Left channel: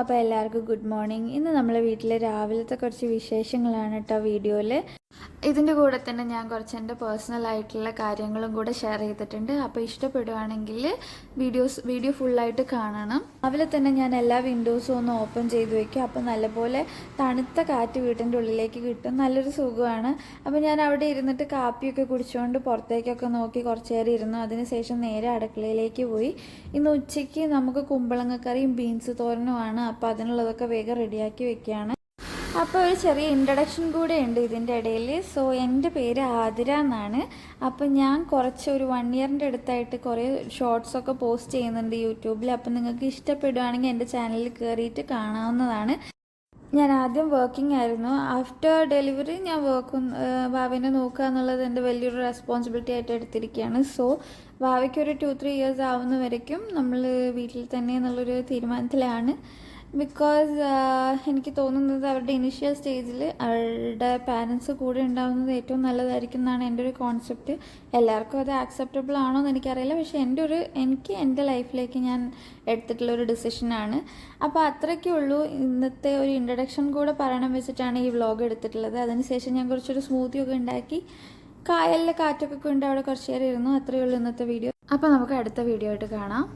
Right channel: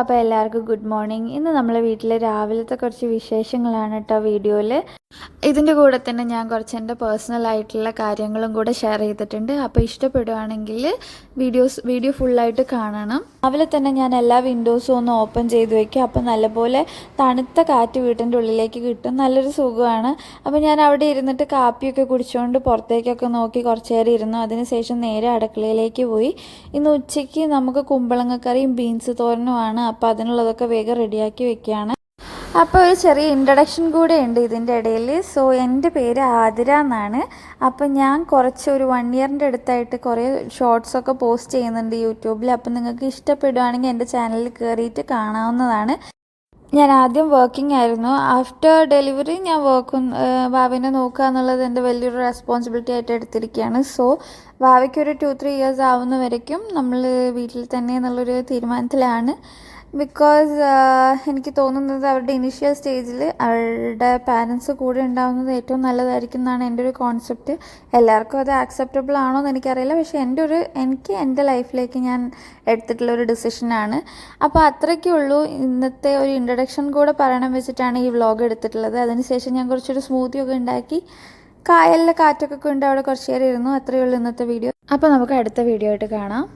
അപ്പോൾ എല്ലാവർക്കും good morning. ഇന്ന് നമ്മളെ വീട്ടിലെ രാവിലത്തെ കുറച്ച് വിശേഷങ്ങളാണ് കേട്ടോ വീഡിയോയിൽ. ഇതിൻ്റെ കൂടെ തന്നെ ഞാൻ കുറച്ച് എൻ്റെ പേഴ്സണൽ ആയിട്ടുള്ള കാര്യങ്ങളും കൂടെ ഷെയർ ചെയ്തിട്ടുണ്ട്. അപ്പോൾ ഇഷ്ടപ്പെടുകയാണെങ്കിൽ വീഡിയോ ഫുള്ളായിട്ട് കാണണം. രാവിലെ തന്നെ ഞാൻ എല്ലാ വിൻഡോസും ഒന്ന് ഓപ്പൺ ചെയ്ത് വയ്ക്കും. അപ്പോൾ നല്ലപോലെ തണുത്ത കാറ്റ് വീട്ടിൻ്റെ ഉള്ളിലേക്ക് കിട്ടും, നല്ലൊരു സുഖമാണ്. അപ്പോൾ ഞാൻ അവിടെ ഇരുന്നിട്ട് കാപ്പിയൊക്കെ കുടിച്ചുകൊണ്ട് പുറത്തേക്കൊക്കെ നോക്കി കുറച്ച് നേരം ഇരുന്നു. അതിനുശേഷം നേരെ അടുക്കളയിലേക്ക് പോയി. ഇന്ന് ഉച്ചയ്ക്ക് നമുക്ക് കുമ്പളങ്ങക്കറിയും ബീൻസ് തോരനുമാണ്. അപ്പോൾ അതിനുള്ളതൊക്കെ വേഗം റെഡിയാക്കി വെക്കുകയാണ്. അപ്പോൾ ഒരു ചെറിയ ഇൻട്രഡക്ഷൻ കൂടെ ഉണ്ട് ഇതിൻ്റെ ഇടയിൽ. സോ എൻ്റെ പേര് ആതിര എന്നാണ്. അപ്പോൾ ഞാൻ ഒരു 1 ഇയറിൻ്റെ അടുത്തായിട്ട് കുറേ ഷോർട്സൊക്കെ പോസ്റ്റ് ചെയ്യുന്നുണ്ട് യൂട്യൂബിൽ. അപ്പോൾ നിങ്ങൾക്ക് ഇഷ്ടപ്പെടുകയാണെങ്കിൽ എൻ്റെ ചാനലിൽ കയറിയിട്ട് കാണാവുന്നതാണ്. ഞാൻ ആദ്യം വർക്കിംഗ് ആയിരുന്നു. ആഫ്റ്റർ ഡെലിവറി ഞാൻ ഭാവിനെ നോക്കുക എന്നുള്ളത് എൻ്റെ വലിയൊരു റെസ്പോൺസിബിലിറ്റി ആയിട്ട് എടുത്തിരിക്കുകയാണ്. സോ ഭാവിക്കൊരു 2-3 ഇയേഴ്സ് ആവുന്ന വരയ്ക്കും നമ്മൾ വീട്ടിൽ തന്നെ എന്നുള്ളൊരു തീരുമാനത്തിലാണ്. ബിക്കോസ് എനിക്ക് തോന്നുന്നത് അവരുടെ ഇനീഷ്യൽ സ്റ്റേജിൽ അവരുടെ പാരൻസ് കൂടെ ഉണ്ടാകുന്നത് ഏറ്റവും നല്ലതായിരിക്കും എന്നാണ് എൻ്റെ ഒരു കോൺസെപ്റ്റ്. എല്ലാവർക്കും അത് ആക്സെപ്റ്റബിൾ ആണോ എന്ന് എനിക്കറിയില്ല, പക്ഷേ എനിക്ക് എൻ്റെ ലൈഫിലേക്ക് ഞാൻ എടുത്തിട്ടുള്ളൊരു ഡിസിഷനാണ്. അപ്പോൾ അത്രയ്ക്കേ ഉള്ളൂ. ഇന്നത്തെ ഒരു ഇൻട്രഡക്ഷൻ കൂടെ പറയണം വെച്ചിട്ടാണ് ഈ വ്ളോഗ് എടുത്തിട്ടുള്ളത്. അതിനുശേഷം ഞാൻ കുറച്ചൊരു സ്മൂത്തിയൊക്കെ ഉണ്ടാക്കി കായലിലെ കാറ്റൊക്കെ കൊണ്ട് അവിടെ കുറച്ച് നേരം ഇരുന്നു. അത്രയേ ഉള്ളൂ ഇന്നത്തെ വീഡിയോ. അപ്പോൾ നമുക്ക് അടുത്ത വീഡിയോ ആയിട്ട് കാണാം.